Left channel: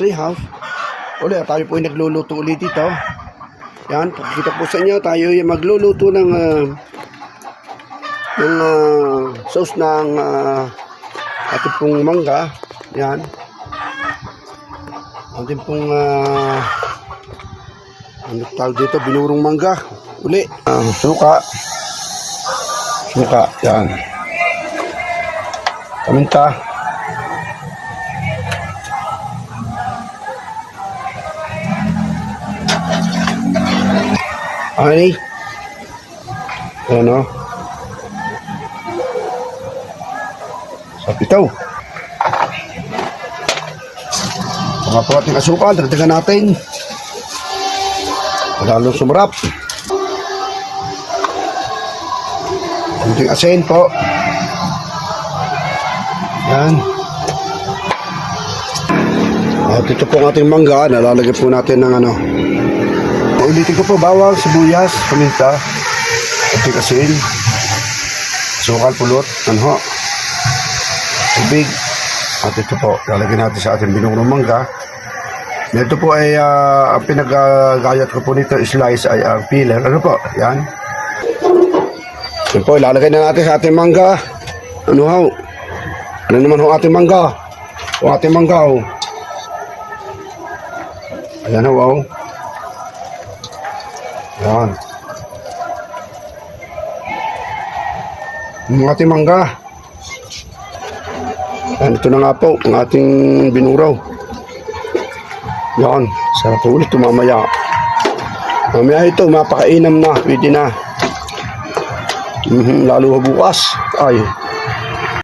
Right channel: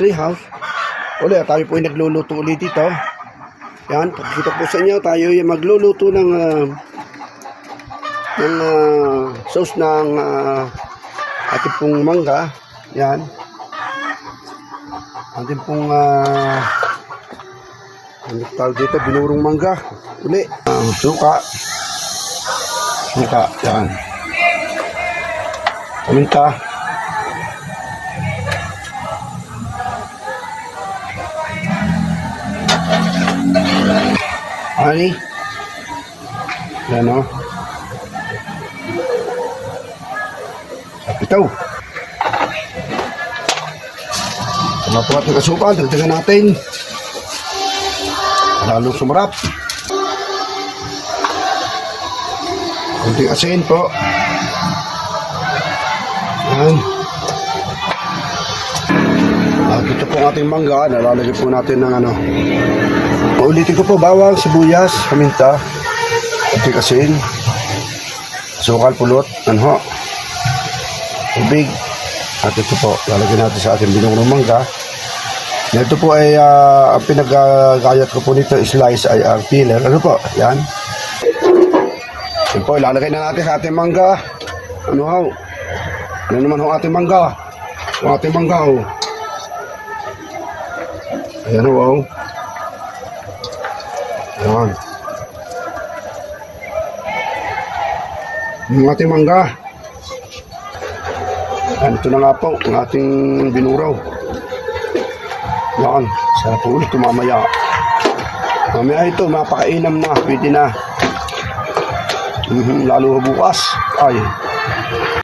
treehouse. Uli, tayo po ay nagluluto ulit dito. Yan, pakikita po sa inyo, tayo ay magluluto ng sauce ng ating pong mangga. Yan. Ating pong ano tawag dito, binurong mangga. Uli, suka. Suka, yan. Paminta. Honey. Ayan o. Sapitaw. Mga po ating asukal, dagdagan natin. Lalong sumarap. Kunting asin po. Yan. At ito po ang ating mangga. Nalalagay po natin ng ano. Ulitin ko po, bawang, sibuyas, paminta, kunting asin, asukal, pulot, anho, tubig. At ito po, lalagyan natin sa ating binurong mangga. Na ito po ay ang pinagagayat ko po nito, slice ay ang peeler. Ano po? Yan. Ito po, ilalagay na natin sa ating mangga. Ano ho? Ano naman ho ating mangga? O ating mangga ho. Ayan ho ho. Ayan. Ang ating mangga. Ayan, ito na nga po, ang ating binuraw. Yan, sarap ulit ito mamaya. Mamaya ito, mapakainam na, pwede na. Lalo bukas. Ay.